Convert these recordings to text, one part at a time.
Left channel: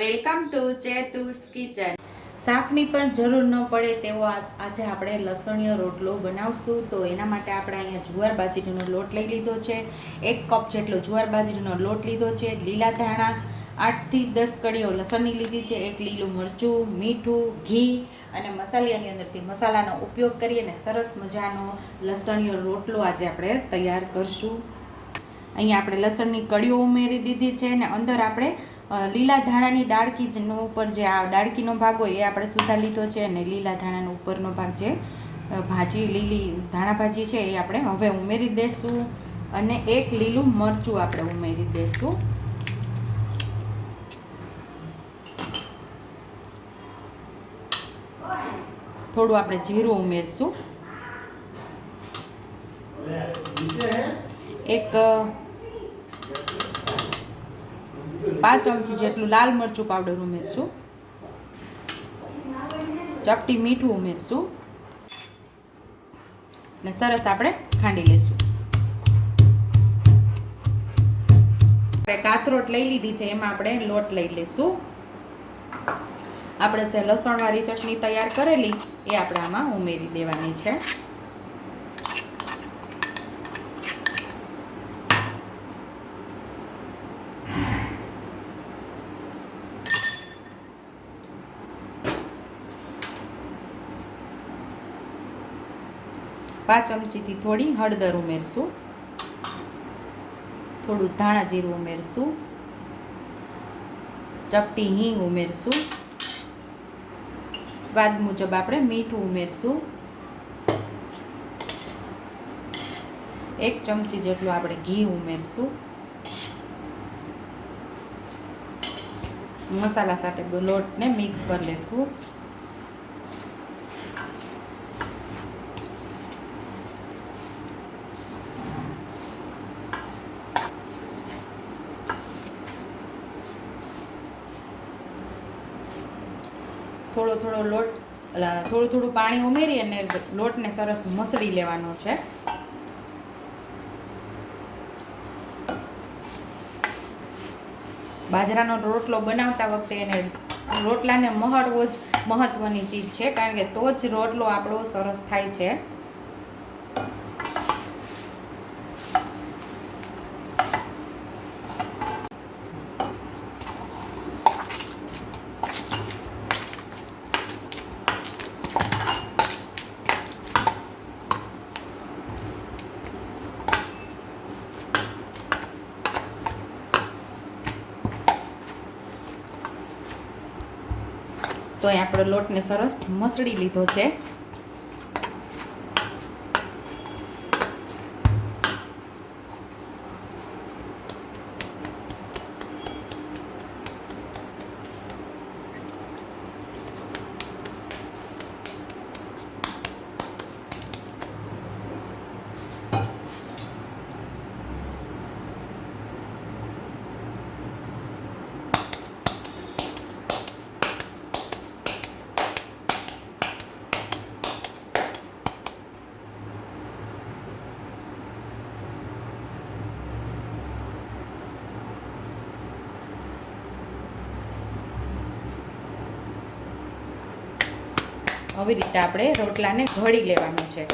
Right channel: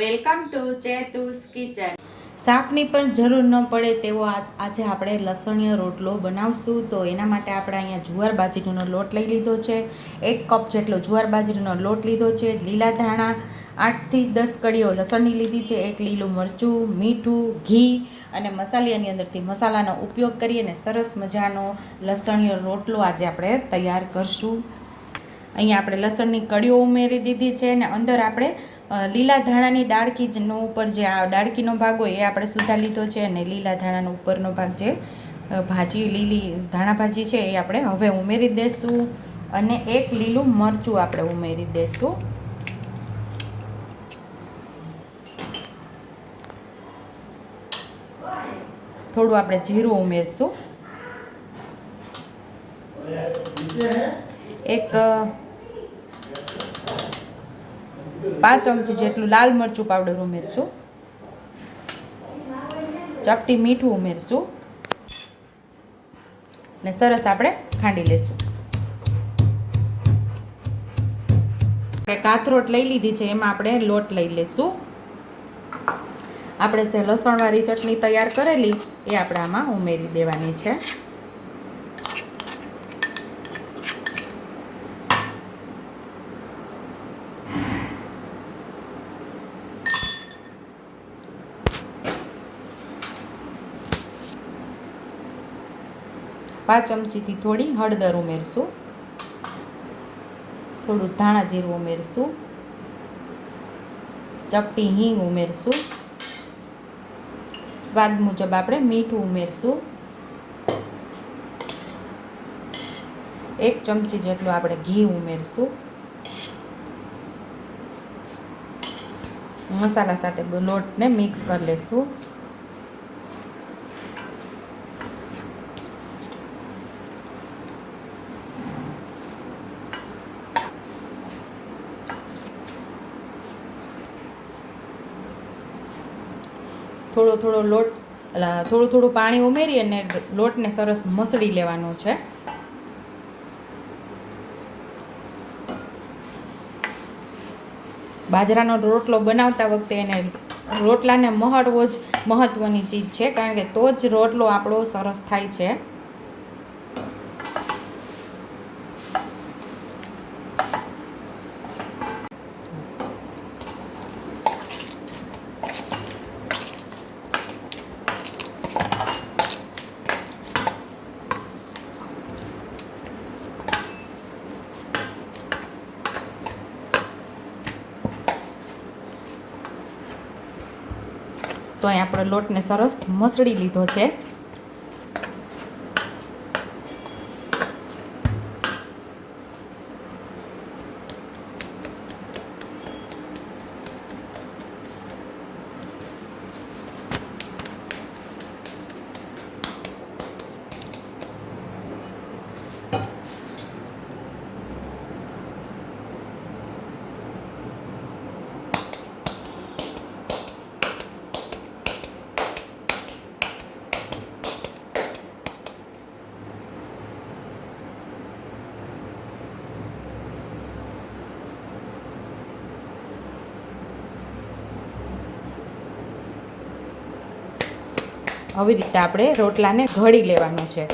Welcome to Chetu's kitchen. શાકની પણ જરૂર ન પડે તેવો આજે આપણે લસણીયો રોટલો બનાવશું. તો એના માટે આપણે અહીંયા જુવાર બાજરીનો લોટ લઈ લીધો છે. 1 કપ જેટલો જુવાર બાજરીનો લોટ લીધો છે. લીલા ધાણા 8 થી 10 કળીઓ લસણની લીધી છે. 1 લીલું મરચું, મીઠું, ઘી અને મસાલાની અંદરથી મસાલાનો ઉપયોગ કરી અને સરસ મજાનો લસણીયો રોટલો આજે આપણે તૈયાર કરશું. અહીંયા આપણે લસણની કળીઓ ઉમેરી દીધી છે અને અંદર આપણે લીલા ધાણાની ડાળકીનો ઉપર જે આ ડાળકીનો ભાગ હોય એ આપણે સુધા લીધો છે અને લીલા ધાણાનો ઉપરનો ભાગ જે ભાજી લીલી ધાણા ભાજી છે એ આપણે હવે ઉમેરી દઈશું અને 1 લીલું મરચું આપણે ઉમેરી દઈશું. થોડું આપણે જીરું ઉમેરશું. 5 ચમચી જેટલું લાલ મરચું પાવડર ઉમેરશું. ચપટી મીઠું ઉમેરશું ને સરસ આપણે ખાંડી લઈશું. આપણે કાથરોટ લઈ લીધી છે, એમાં આપણે લોટ લઈ લઈશું. આપણે જે લસણવાળી ચટણી તૈયાર કરેલી એ આપણે આમાં ઉમેરી દેવાની છે. પાંચ ચમચીથી થોડી હળદર ઉમેરશું. થોડું ધાણા જીરું ઉમેરશું. ચપટી હિંગ ઉમેરશું. સ્વાદ મુજબ આપણે મીઠું ઉમેરશું. 1 ચમચી જેટલું આપણે ઘી ઉમેરશું. મસાલા સાથે લોટને મિક્સ કરી લઈશું. થોડું પાણી ઉમેરી અને લોટને સરસ મસળી લેવાનો છે. બાજરાનો રોટલો બનાવતા વખતે એને રોટલાને મહળવો જ મહત્વની ચીજ છે, કારણ કે તો જ રોટલો આપણો સરસ થાય છે. તો અહીં આપણે લોટને સરસ મસળી લીધો છે. આવી રીતે આપણે રોટલાને ઘડી લેવાનો છે.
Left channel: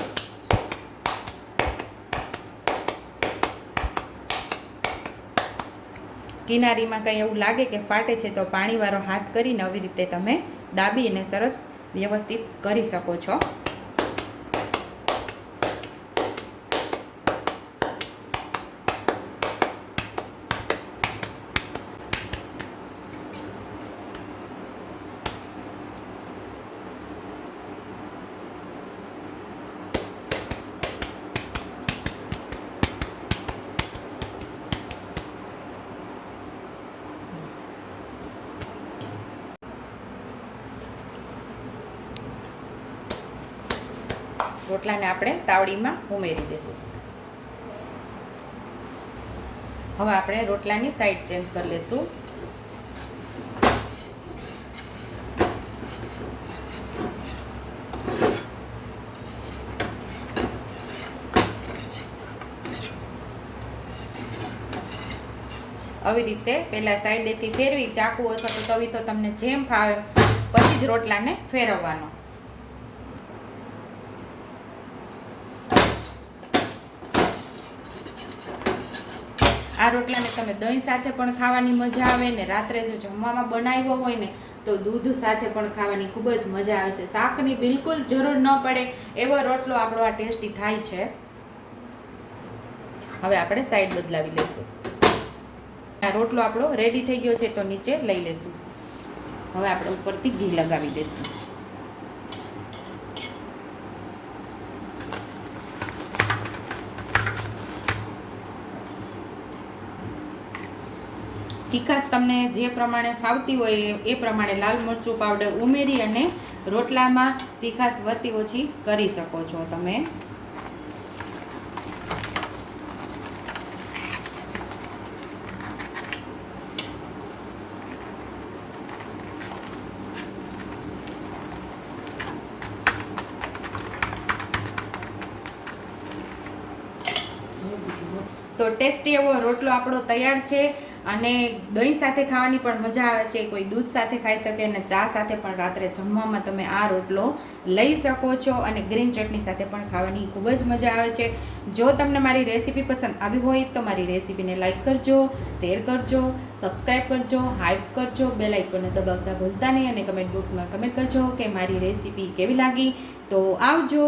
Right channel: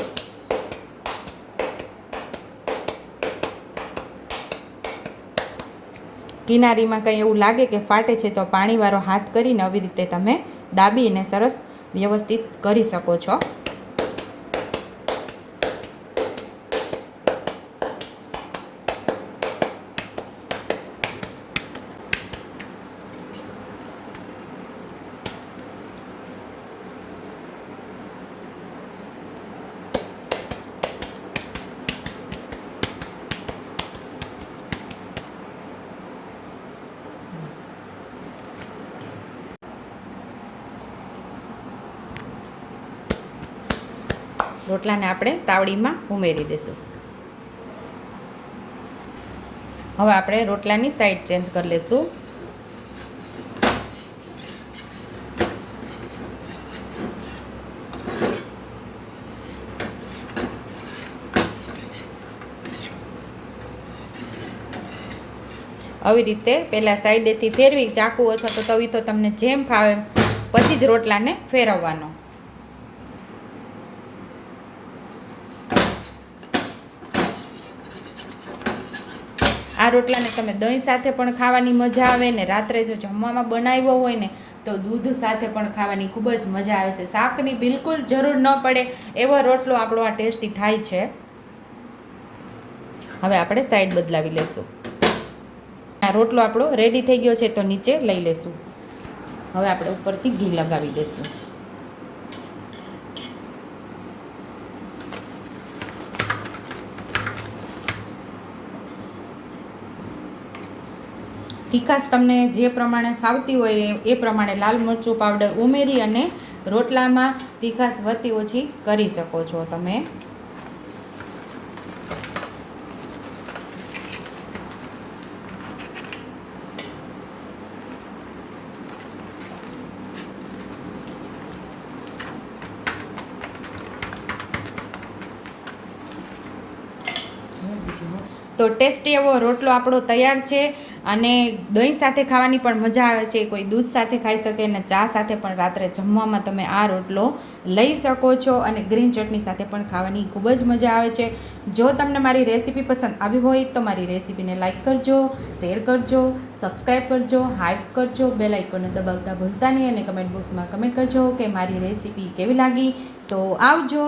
કિનારીમાં કંઈ એવું લાગે કે ફાટે છે તો પાણીવાળો હાથ કરીને આવી રીતે તમે દાબીને સરસ વ્યવસ્થિત કરી શકો છો. રોટલાને આપણે તાવડીમાં ઉમેરી દઈશું. હવે આપણે રોટલાની સાઈડ ચેન્જ કરી લઈશું. આવી રીતે પહેલાં સાઈડેથી ફેરવી, ચાકુ અથવા તો તવી તો તમને જેમ ફાવે પછી જ રોટલાને ફેરવવાનો. આ રોટલાને તમે દહીં સાથે પણ ખાવાની મજા આવે ને રાત્રે જો જમવામાં બનાવ્યો હોય ને તો દૂધ સાથે પણ ખાવાની ખૂબ જ મજા આવે છે. શાકની બિલકુલ જરૂર ન પડે એવો રોટલો આપણો આ ટેસ્ટી થાય છે. હવે આપણે સાઈડ બદલાવી લેશું. આ રોટલો આપણો રેડી થઈ ગયો છે તો નીચે લઈ લેશું. હવે આપણે ઉપરથી ઘી લગાવી દઈશું. તીખાશ તમને જે પ્રમાણે ફાવતી હોય એ પ્રમાણે લાલ મરચું પાવડર ઉમેરી અને રોટલામાં તીખાશ વધતી ઓછી કરી શકો છો તમે. તો ટેસ્ટી એવો રોટલો આપણો તૈયાર છે અને દહીં સાથે ખાવાની પણ મજા આવે છે. કોઈ દૂધ સાથે ખાઈ શકે અને ચા સાથે પણ રાત્રે જમવામાં તમે આ રોટલો લઈ શકો છો અને ગ્રીન ચટણી સાથે પણ ખાવાની ખૂબ જ મજા આવે છે. જો તમને મારી રેસીપી પસંદ આવી હોય તો મારી રેસીપીને લાઇક કરજો, શેર કરજો, સબસ્ક્રાઈબ કરજો, હાઈપ કરજો, બેલ આઇકોનને દબાવતા ભૂલતા નહીં અને કમેન્ટ બોક્સમાં કમેન્ટ કરજો કે મારી રેસીપી કેવી લાગી. તો આવજો.